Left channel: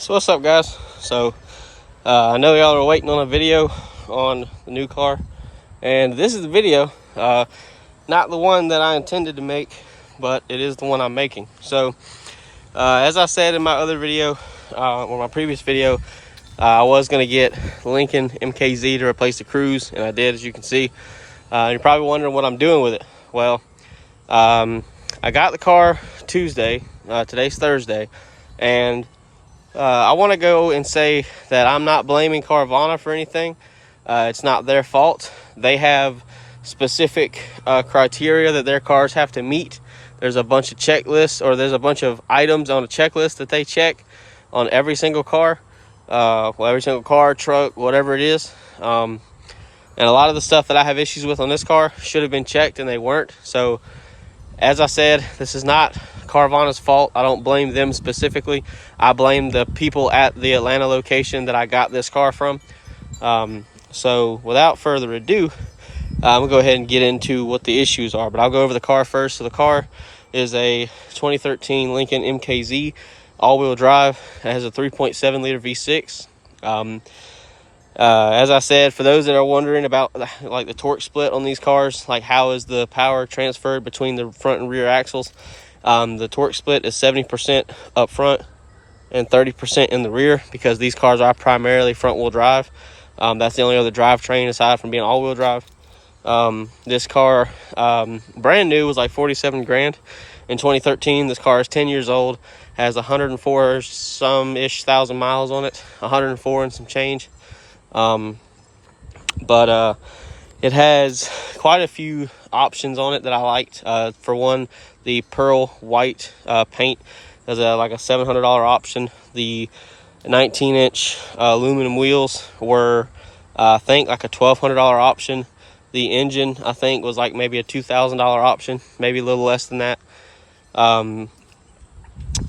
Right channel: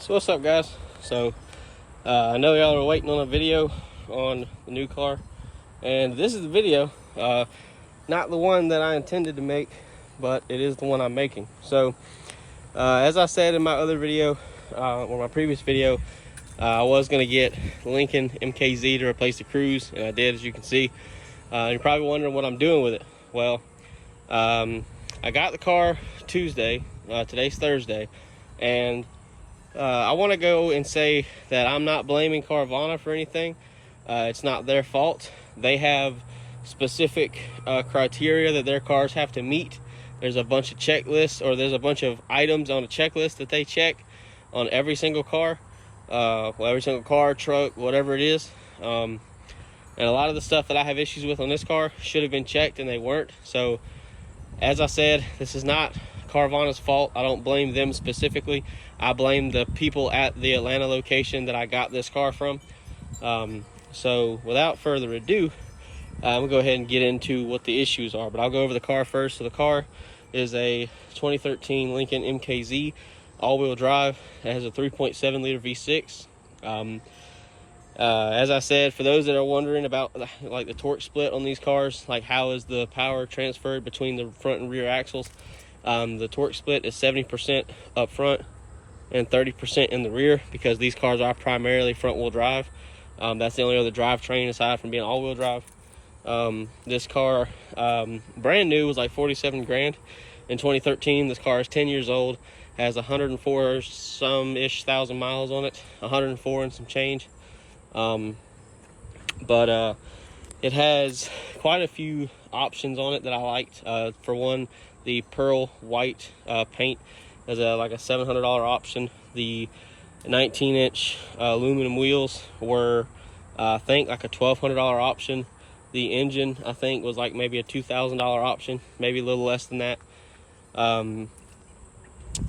So what's up, guys? So I know y'all are waiting on a video on the new car, and this is the video, not the one that I intended to make, but it is the one I'm making. So as I said in my other video, or my previous video, I was going to get Lincoln MKZ to replace the Cruze, and I did, as you can see. You're probably wondering what I'm doing with it. Well, I got the car Tuesday, today's Thursday, and I want to go and say that I'm not blaming Carvana for anything. It's not their fault. They have specific criteria that their cars have to meet. There's a bunch of checklists, or there's a bunch of items on a checklist that they check on every single car. Every single car, truck, whatever it is. And a lot of the stuff that I have issues with on this car should have been checked, and they weren't. So, as I said, this is not Carvana's fault. I don't blame them specifically. I blame the people at the Atlanta location that I got this car from. So without further ado, I'm gonna go ahead and get into what the issues are, but I'll go over the car first. So the car is a 2013 Lincoln MKZ all-wheel drive. It has a 3.7 liter V6. As I said, for those that are wondering about like the torque split on these cars, like how is the power transferred between the front and rear axles, the torque split is 70% up front and 30% in the rear, because these cars are primarily front wheel drive. That's the only other drivetrain aside from being all-wheel drive. This car, brand new, was like 47 grand in 2013. This car is 10 years old, has 104 some ish thousand miles on it, 104 and some change. It has quite a few options on it that I liked. For one, the pearl white paint is like a $700 option. The 19-inch aluminum wheels were, I think, like a $1,200 option. The engine, I think, was like maybe a $2,000 option, maybe a little less than that.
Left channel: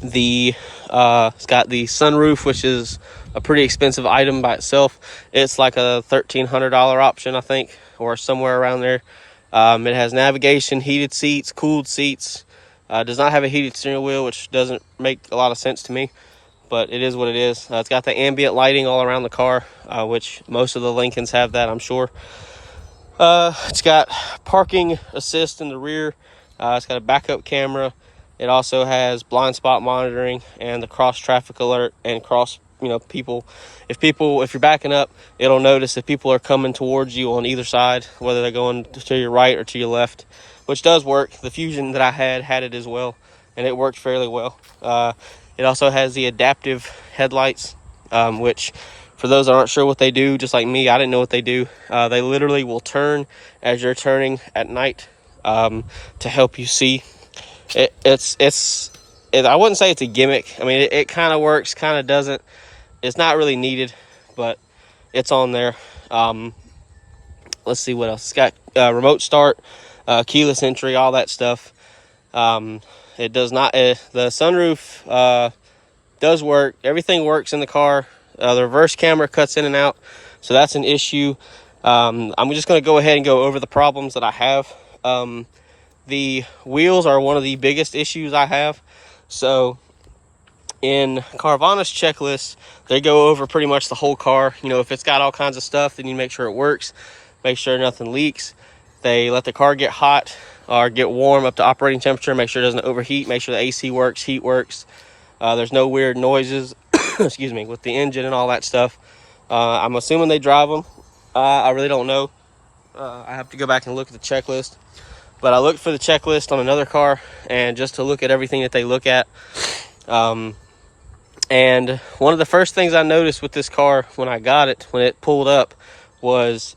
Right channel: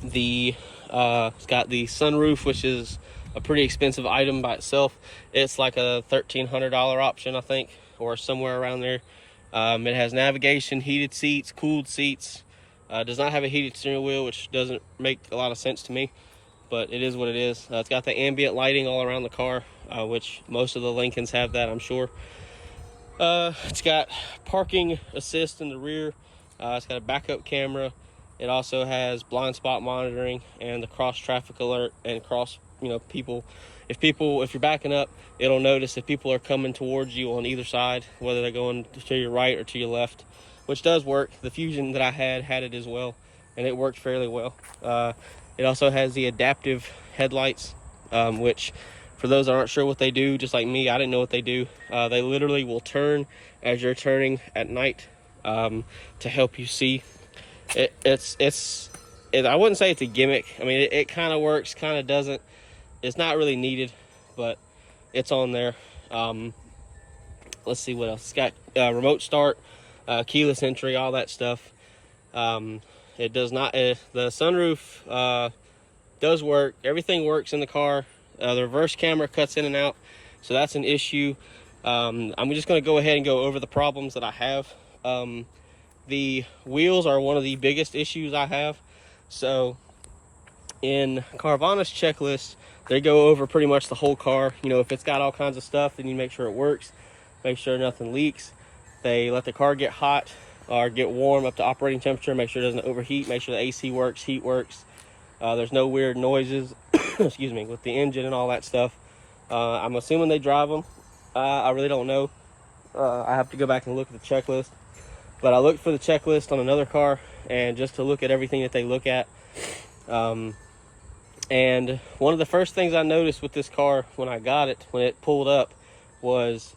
It's got the sunroof, which is a pretty expensive item by itself. It's like a $1,300 option, I think, or somewhere around there. It has navigation, heated seats, cooled seats. Does not have a heated steering wheel, which doesn't make a lot of sense to me, but it is what it is. It's got the ambient lighting all around the car, which most of the Lincolns have that, I'm sure. It's got parking assist in the rear. It's got a backup camera. It also has blind spot monitoring and the cross traffic alert, and cross, people. If you're backing up, it'll notice if people are coming towards you on either side, whether they're going to your right or to your left, which does work. The Fusion that I had it as well, and it worked fairly well. It also has the adaptive headlights, which, for those that aren't sure what they do, just like me, I didn't know what they do. They literally will turn as you're turning at night, to help you see. I wouldn't say it's a gimmick. I mean, it kind of works, kind of doesn't. It's not really needed, but it's on there. Let's see what else. It's got remote start, keyless entry, all that stuff. It does not, the sunroof does work. Everything works in the car. The reverse camera cuts in and out, so that's an issue. I'm just going to go ahead and go over the problems that I have. The wheels are one of the biggest issues I have. So in Carvana's checklist, they go over pretty much the whole car. If it's got all kinds of stuff, then you make sure it works, make sure nothing leaks. They let the car get hot or get warm up to operating temperature, make sure it doesn't overheat, make sure the AC works, heat works. There's no weird noises excuse me, with the engine and all that stuff. I'm assuming they drive them. I really don't know. I have to go back and look at the checklist. But I looked for the checklist on another car, and just to look at everything that they look at. And one of the first things I noticed with this car when I got it, when it pulled up, was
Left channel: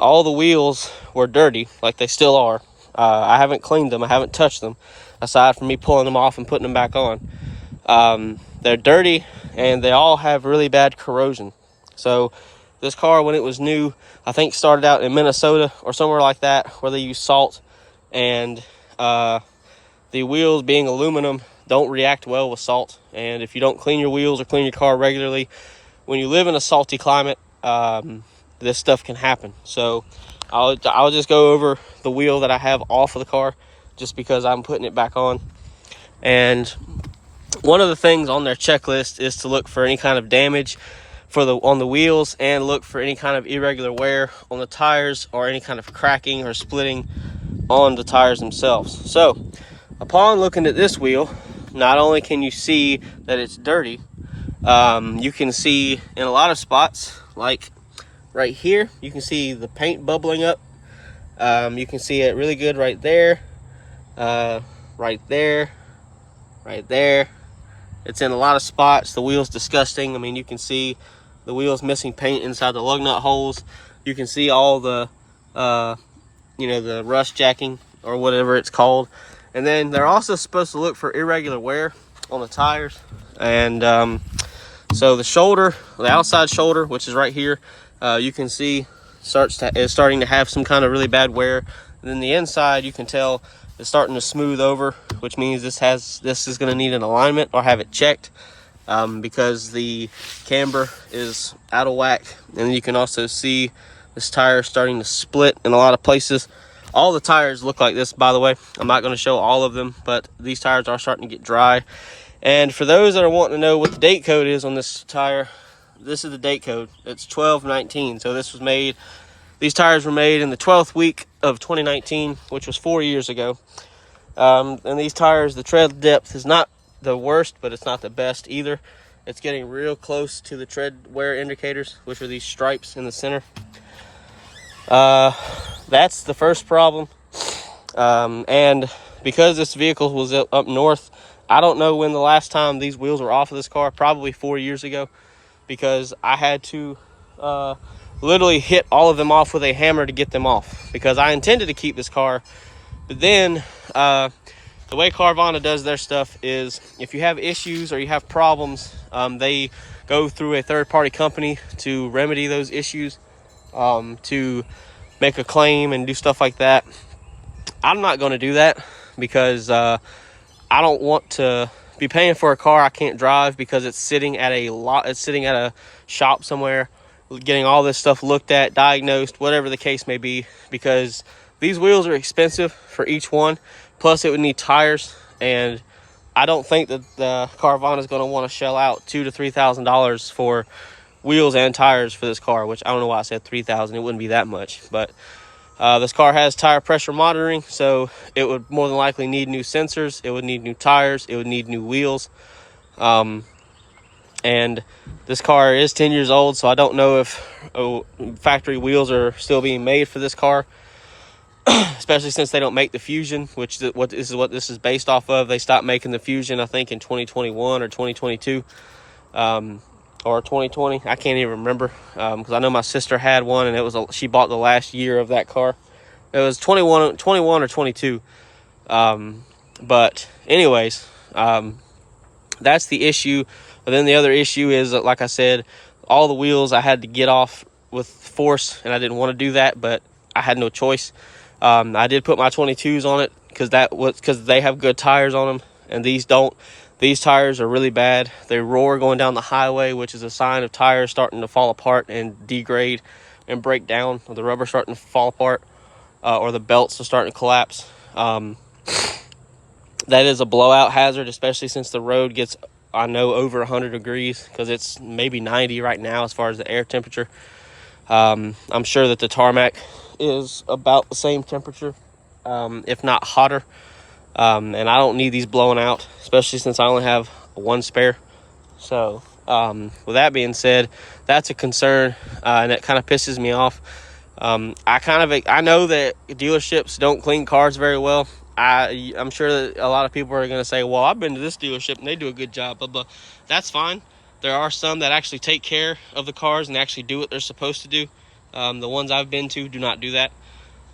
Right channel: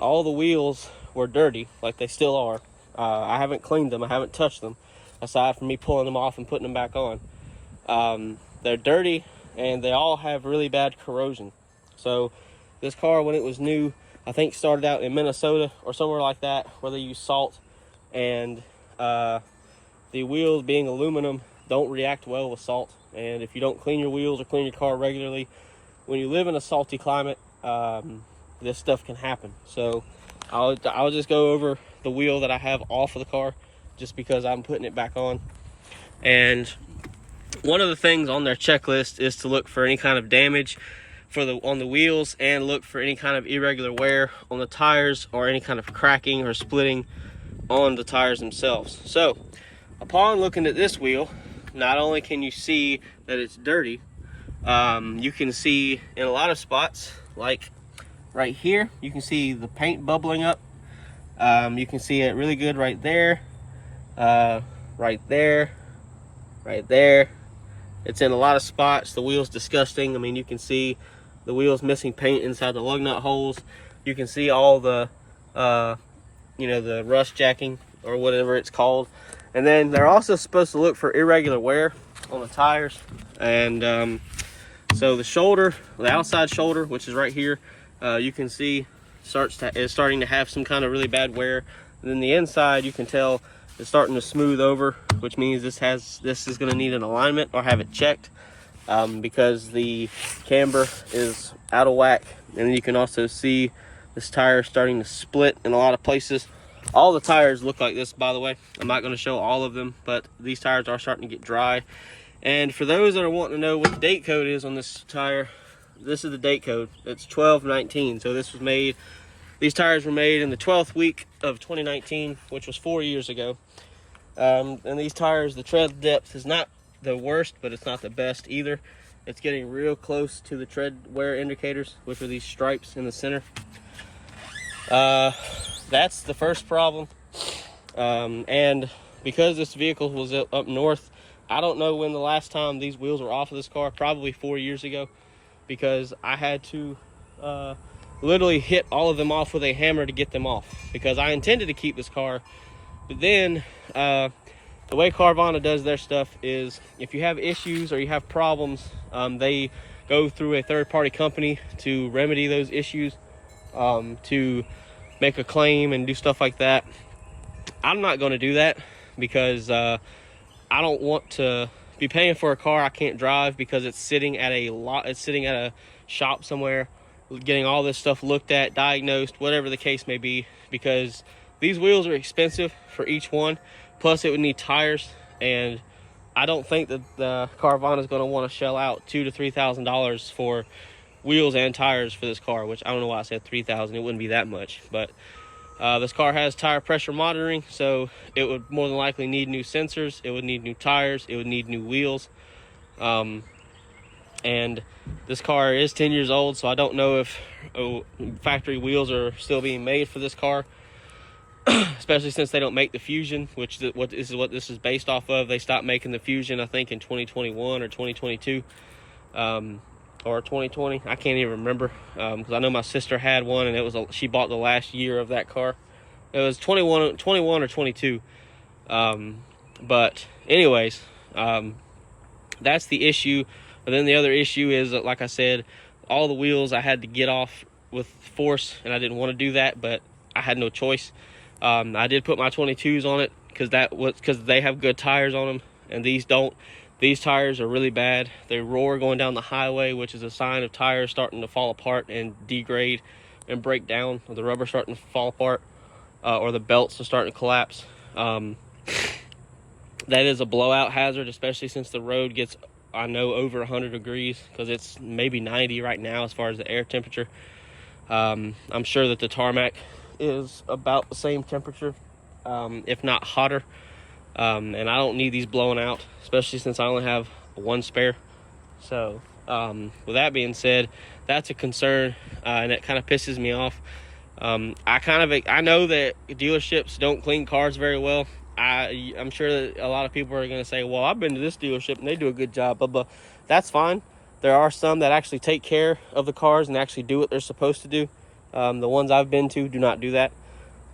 all the wheels were dirty, like they still are. I haven't cleaned them. I haven't touched them, aside from me pulling them off and putting them back on. They're dirty, and they all have really bad corrosion. So this car, when it was new, I think started out in Minnesota or somewhere like that, where they use salt, and the wheels, being aluminum, don't react well with salt. And if you don't clean your wheels or clean your car regularly, when you live in a salty climate, this stuff can happen. So I'll just go over the wheel that I have off of the car, just because I'm putting it back on. And one of the things on their checklist is to look for any kind of damage on the wheels, and look for any kind of irregular wear on the tires, or any kind of cracking or splitting on the tires themselves. So upon looking at this wheel, not only can you see that it's dirty, you can see in a lot of spots, like right here, you can see the paint bubbling up. You can see it really good right there, right there, right there. It's in a lot of spots. The wheel's disgusting. I mean, you can see the wheel's missing paint inside the lug nut holes. You can see all the, the rust jacking or whatever it's called. And then they're also supposed to look for irregular wear on the tires. And so the shoulder, the outside shoulder, which is right here, you can see is starting to have some kind of really bad wear. And then the inside, you can tell it's starting to smooth over, which means this is going to need an alignment or have it checked, because the camber is out of whack. And you can also see this tire starting to split in a lot of places. All the tires look like this, by the way. I'm not going to show all of them, but these tires are starting to get dry. And for those that are wanting to know what the date code is on this tire, this is the date code. It's 12/19. So these tires were made in the 12th week of 2019, which was 4 years ago. And these tires, the tread depth is not the worst, but it's not the best either. It's getting real close to the tread wear indicators, which are these stripes in the center. That's the first problem. And because this vehicle was up north, I don't know when the last time these wheels were off of this car, probably 4 years ago, because I had to literally hit all of them off with a hammer to get them off, because I intended to keep this car. But then the way Carvana does their stuff is, if you have issues or you have problems, they go through a third-party company to remedy those issues, to make a claim and do stuff like that. I'm not going to do that, because I don't want to be paying for a car I can't drive, because it's sitting at a shop somewhere, getting all this stuff looked at, diagnosed, whatever the case may be, because these wheels are expensive for each one. Plus it would need tires, and I don't think that the Carvana is going to want to shell out $2,000 to $3,000 for wheels and tires for this car, which I don't know why I said 3,000. It wouldn't be that much, but this car has tire pressure monitoring, so it would more than likely need new sensors. It would need new tires. It would need new wheels. And this car is 10 years old, so I don't know if factory wheels are still being made for this car, especially since they don't make the Fusion, which is what this is based off of. They stopped making the Fusion, I think, in 2021 or 2022, or 2020. I can't even remember, because I know my sister had one, and she bought the last year of that car. It was 21 or 22. But anyways, that's the issue. But then the other issue is that, like I said, all the wheels I had to get off with force, and I didn't want to do that, but I had no choice. I did put my 22s on it because they have good tires on them, and these don't. These tires are really bad. They roar going down the highway, which is a sign of tires starting to fall apart and degrade and break down, or the rubber starting to fall apart, or the belts are starting to collapse. That is a blowout hazard, especially since the road gets, I know, over 100 degrees, because it's maybe 90 right now as far as the air temperature. I'm sure that the tarmac is about the same temperature, if not hotter. And I don't need these blowing out, especially since I only have one spare. So with that being said, that's a concern, and it kind of pisses me off. I know that dealerships don't clean cars very well. I'm sure that a lot of people are going to say, well, I've been to this dealership and they do a good job, but that's fine. There are some that actually take care of the cars and actually do what they're supposed to do. The ones I've been to do not do that.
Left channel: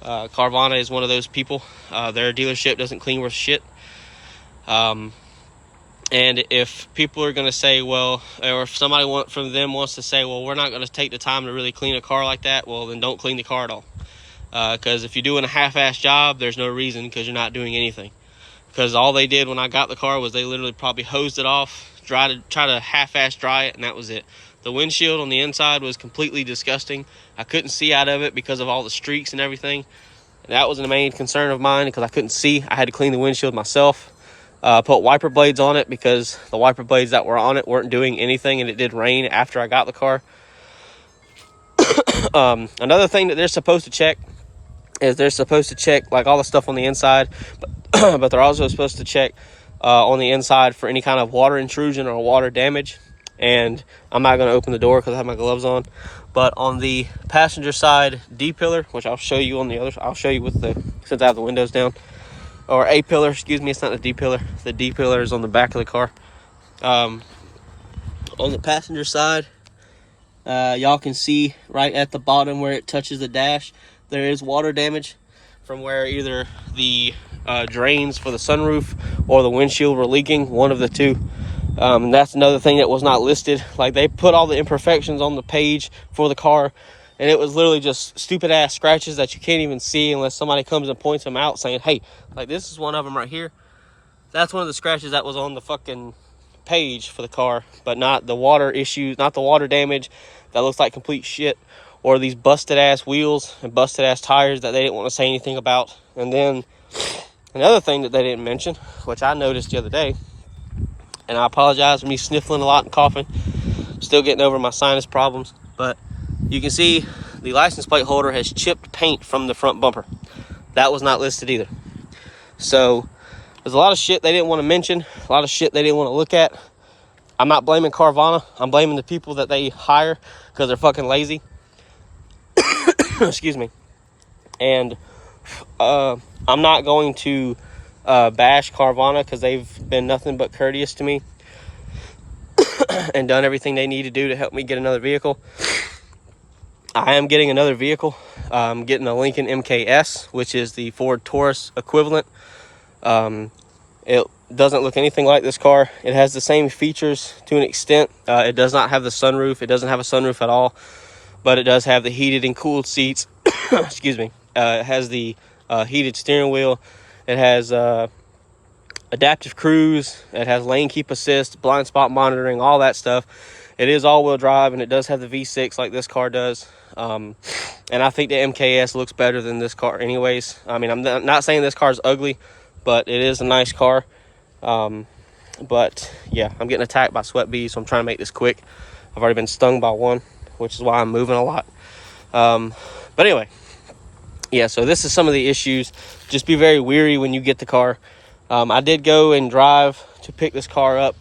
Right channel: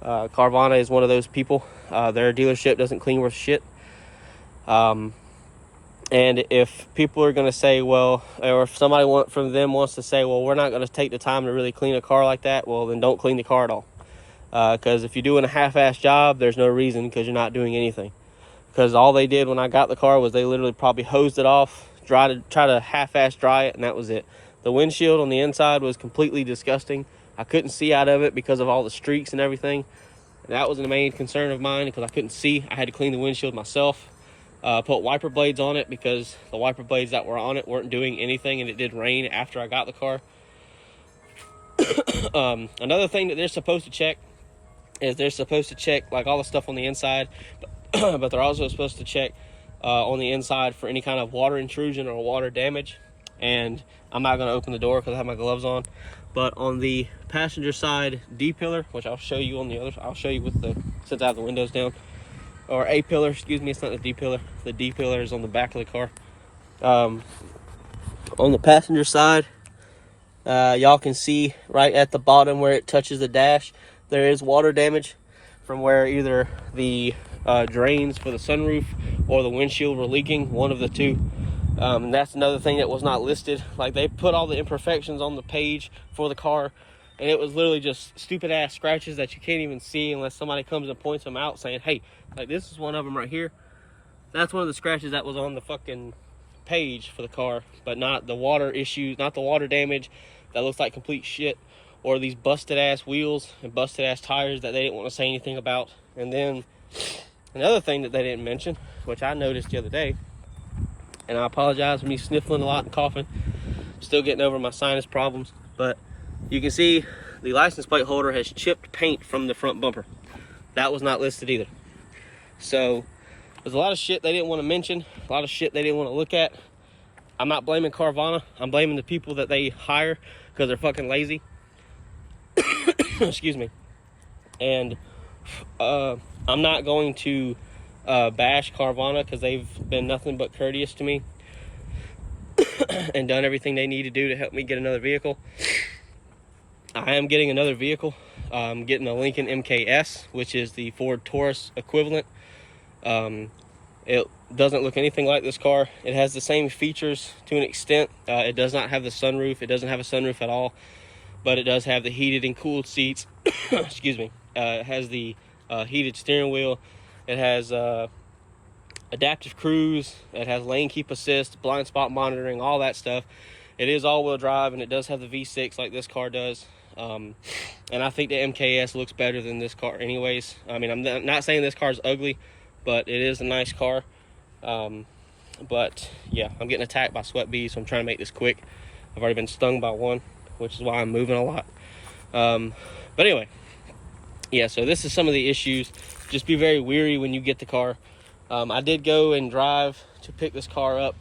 Carvana is one of those people. Their dealership doesn't clean worth shit. And if people are going to say, well, or if somebody from them wants to say, well, we're not going to take the time to really clean a car like that, well, then don't clean the car at all. Because if you're doing a half-ass job, there's no reason, because you're not doing anything. Because all they did when I got the car was they literally probably hosed it off, try to half-ass dry it, and that was it. The windshield on the inside was completely disgusting. I couldn't see out of it because of all the streaks and everything. And that was the main concern of mine, because I couldn't see. I had to clean the windshield myself. Put wiper blades on it because the wiper blades that were on it weren't doing anything, and it did rain after I got the car. Another thing that they're supposed to check is they're supposed to check like all the stuff on the inside, but they're also supposed to check on the inside for any kind of water intrusion or water damage. And I'm not going to open the door because I have my gloves on. But on the passenger side D pillar, which I'll show you on the other, I'll show you with the, since I have the windows down, or A pillar, excuse me, it's not the D pillar. The D pillar is on the back of the car. On the passenger side, y'all can see right at the bottom where it touches the dash, there is water damage from where either the drains for the sunroof or the windshield were leaking, one of the two. That's another thing that was not listed. Like, they put all the imperfections on the page for the car, and it was literally just stupid ass scratches that you can't even see unless somebody comes and points them out saying, hey, like, this is one of them right here. That's one of the scratches that was on the fucking page for the car, but not the water issues, not the water damage that looks like complete shit, or these busted ass wheels and busted ass tires that they didn't want to say anything about. And then another thing that they didn't mention, which I noticed the other day, and I apologize for me sniffling a lot and coughing, still getting over my sinus problems, but you can see the license plate holder has chipped paint from the front bumper. That was not listed either. So there's a lot of shit they didn't want to mention, a lot of shit they didn't want to look at. I'm not blaming Carvana. I'm blaming the people that they hire because they're fucking lazy. Excuse me. And I'm not going to bash Carvana because they've been nothing but courteous to me and done everything they need to do to help me get another vehicle. I am getting another vehicle. I'm getting a Lincoln MKS, which is the Ford Taurus equivalent. It doesn't look anything like this car. It has the same features to an extent. It does not have the sunroof. It doesn't have a sunroof at all, but it does have the heated and cooled seats. Excuse me. It has the heated steering wheel. It has adaptive cruise. It has lane keep assist, blind spot monitoring, all that stuff. It is all-wheel drive, and it does have the V6 like this car does. And I think the MKS looks better than this car anyways. I mean, I'm not saying this car is ugly, but it is a nice car. But yeah, I'm getting attacked by sweat bees, so I'm trying to make this quick. I've already been stung by one, which is why I'm moving a lot. But anyway, yeah, so this is some of the issues. Just be very wary when you get the car. I did go and drive to pick this car up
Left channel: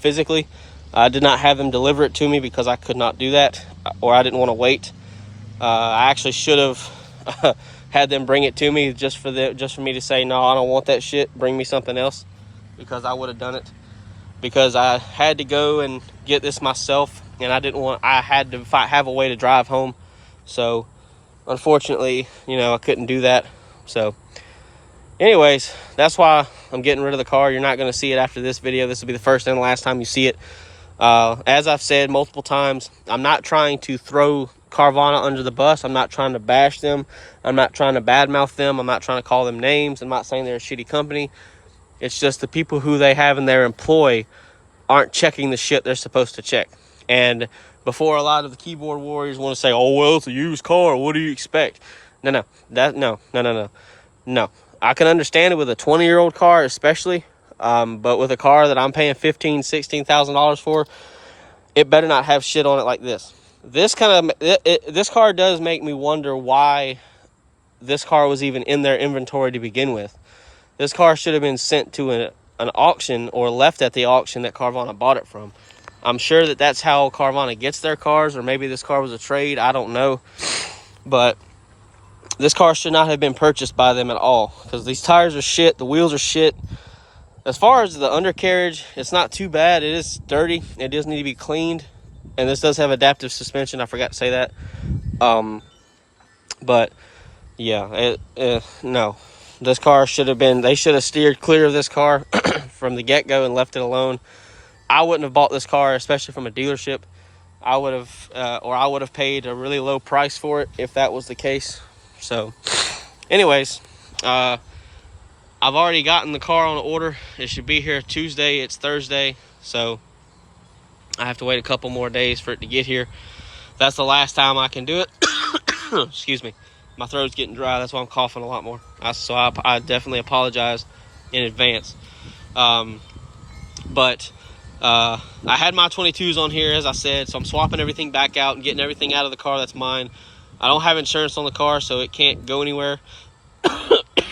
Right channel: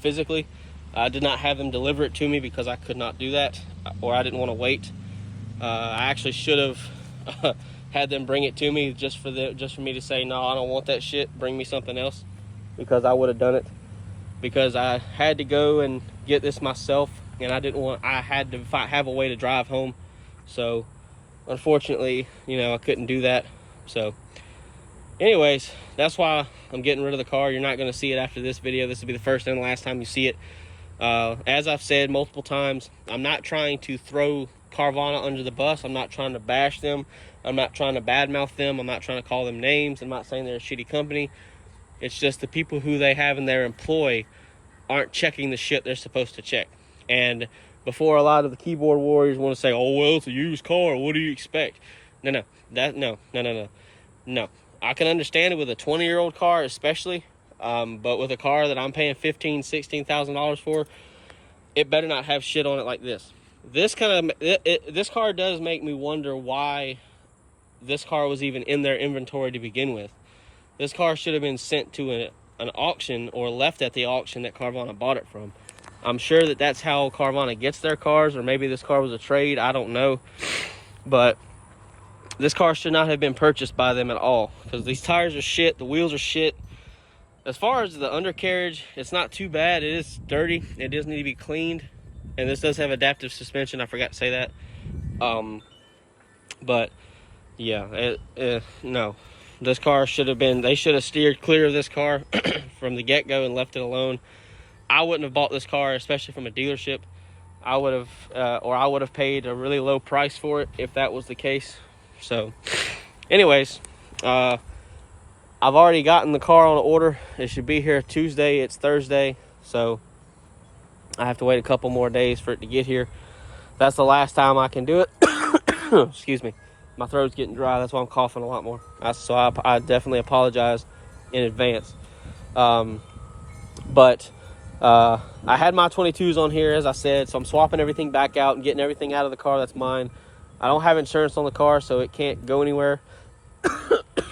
physically. I did not have them deliver it to me because I could not do that, or I didn't want to wait. I actually should have had them bring it to me just for me to say, no, I don't want that shit, bring me something else, because I would have done it. Because I had to go and get this myself, and I had to have a way to drive home. So unfortunately, you know, I couldn't do that. So anyways, that's why I'm getting rid of the car. You're not going to see it after this video. This will be the first and the last time you see it. As I've said multiple times, I'm not trying to throw Carvana under the bus. I'm not trying to bash them. I'm not trying to badmouth them. I'm not trying to call them names. I'm not saying they're a shitty company. It's just the people who they have in their employ aren't checking the shit they're supposed to check. And before a lot of the keyboard warriors want to say, oh, well, it's a used car, what do you expect? No. I can understand it with a 20-year-old car especially, but with a car that I'm paying $15,000, $16,000 for, it better not have shit on it like this. This car does make me wonder why this car was even in their inventory to begin with. This car should have been sent to an auction or left at the auction that Carvana bought it from. I'm sure that that's how Carvana gets their cars, or maybe this car was a trade. I don't know. But this car should not have been purchased by them at all, because these tires are shit. The wheels are shit. As far as the undercarriage, it's not too bad. It is dirty. It does need to be cleaned. And this does have adaptive suspension. I forgot to say that. But yeah, no. This car they should have steered clear of this car from the get-go and left it alone. I wouldn't have bought this car, especially from a dealership. I would have paid a really low price for it if that was the case. So anyways, I've already gotten the car on order. It should be here Tuesday. It's Thursday, so I have to wait a couple more days for it to get here. That's the last time I can do it. Excuse me. My throat's getting dry. That's why I'm coughing a lot more. So I definitely apologize in advance. But I had my 22s on here, as I said, so I'm swapping everything back out and getting everything out of the car that's mine. I don't have insurance on the car, so it can't go anywhere.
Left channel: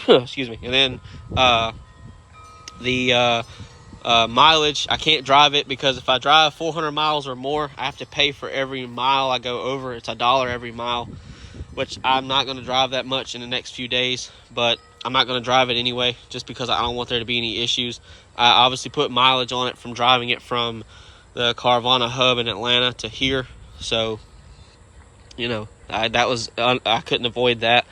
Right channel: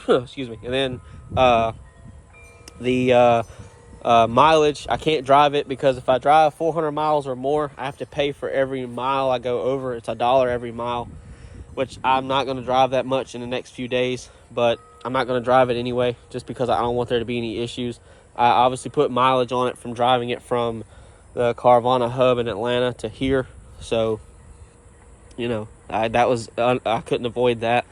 Excuse me. And then the mileage, I can't drive it, because if I drive 400 miles or more, I have to pay for every mile I go over. It's $1 every mile, which I'm not going to drive that much in the next few days, but I'm not going to drive it anyway, just because I don't want there to be any issues. I obviously put mileage on it from driving it from the Carvana hub in Atlanta to here, so you know, I couldn't avoid that.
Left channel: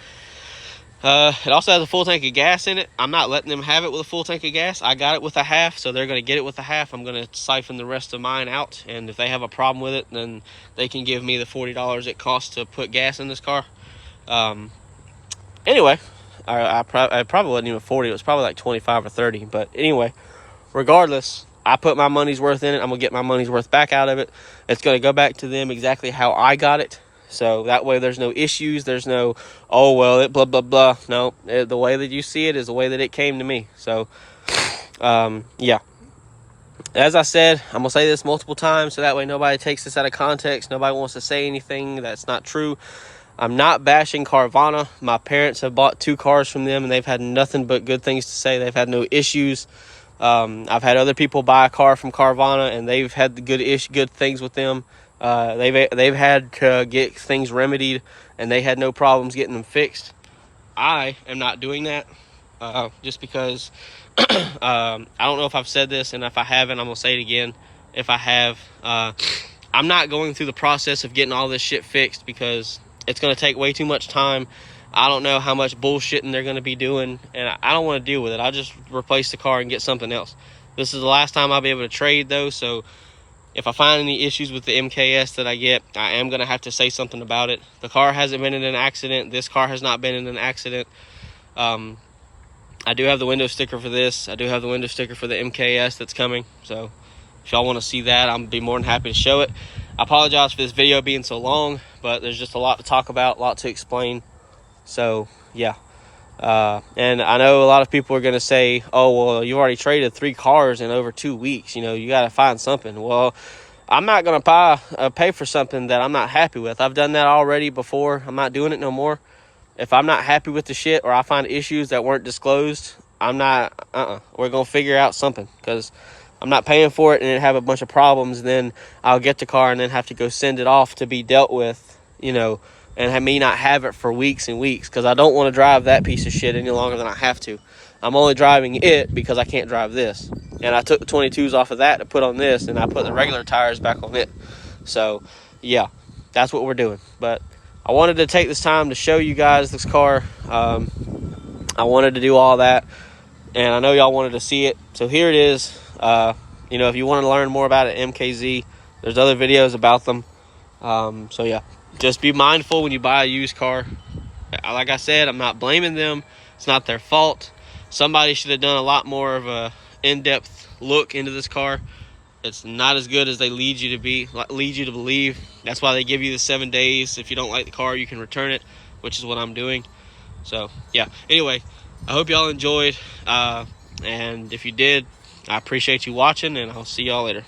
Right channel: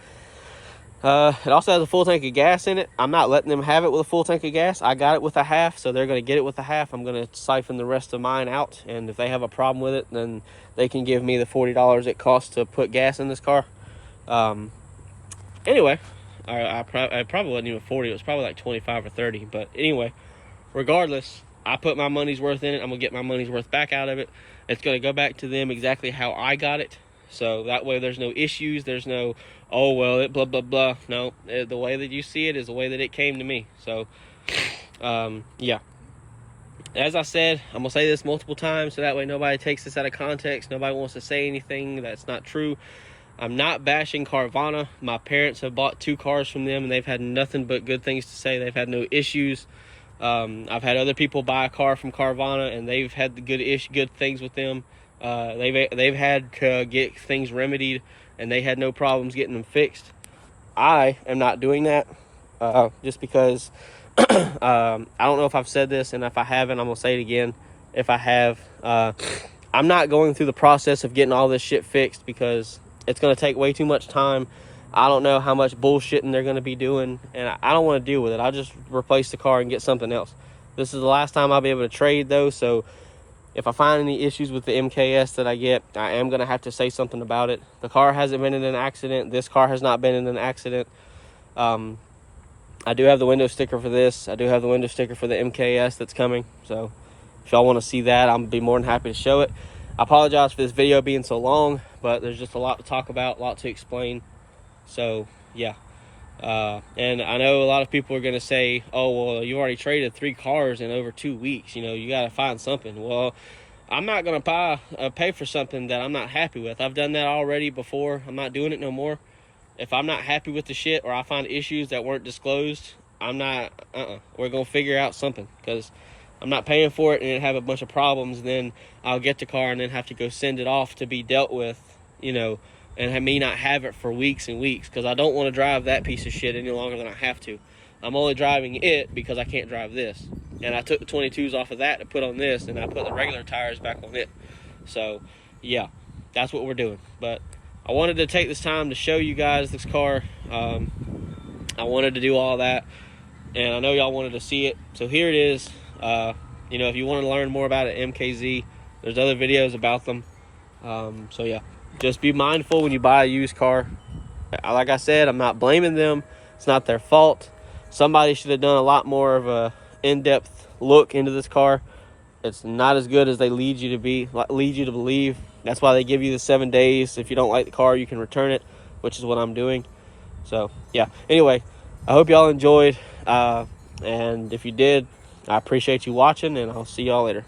It also has a full tank of gas in it. I'm not letting them have it with a full tank of gas. I got it with a half, so they're going to get it with a half. I'm going to siphon the rest of mine out, and if they have a problem with it, then they can give me the $40 it costs to put gas in this car. Anyway, I probably wasn't even 40. It was probably like 25 or 30. But anyway, regardless, I put my money's worth in it. I'm going to get my money's worth back out of it. It's going to go back to them exactly how I got it. So that way there's no issues. There's no, oh, well, it blah, blah, blah. No, the way that you see it is the way that it came to me. So, yeah. As I said, I'm going to say this multiple times, so that way nobody takes this out of context. Nobody wants to say anything that's not true. I'm not bashing Carvana. My parents have bought 2 cars from them, and they've had nothing but good things to say. They've had no issues. I've had other people buy a car from Carvana, and they've had good things with them. They've had to get things remedied, and they had no problems getting them fixed. I am not doing that, just because I don't know if I've said this, and if I haven't, I'm gonna say it again. If I have, I'm not going through the process of getting all this shit fixed, because it's gonna take way too much time. I don't know how much bullshitting they're gonna be doing, and I don't want to deal with it. I'll just replace the car and get something else. This is the last time I'll be able to trade, though, so if I find any issues with the MKS that I get, I am going to have to say something about it. The car hasn't been in an accident. This car has not been in an accident. I do have the window sticker for this. I do have the window sticker for the MKS that's coming. So if y'all want to see that, I'm be more than happy to show it. I apologize for this video being so long, but there's just a lot to talk about, a lot to explain. So, yeah. And I know a lot of people are going to say, oh, well, you already traded 3 cars in over 2 weeks. You know, you got to find something. Well, I'm not going to pay for something that I'm not happy with. I've done that already before. I'm not doing it no more. If I'm not happy with the shit, or I find issues that weren't disclosed, I'm not, we're going to figure out something, because I'm not paying for it and it have a bunch of problems. Then I'll get the car and then have to go send it off to be dealt with, you know, and have me not have it for weeks and weeks, because I don't want to drive that piece of shit any longer than I have to. I'm only driving it because I can't drive this. And I took the 22s off of that to put on this, and I put the regular tires back on it. So, yeah, that's what we're doing. But I wanted to take this time to show you guys this car. I wanted to do all that, and I know y'all wanted to see it. So here it is. You know, if you want to learn more about it, MKZ, there's other videos about them. So, yeah. Just be mindful when you buy a used car. Like I said, I'm not blaming them. It's not their fault. Somebody should have done a lot more of a in-depth look into this car. It's not as good as they lead you to believe. That's why they give you the 7 days. If you don't like the car, you can return it, which is what I'm doing. So, yeah. Anyway, I hope y'all enjoyed. And if you did, I appreciate you watching, and I'll see y'all later.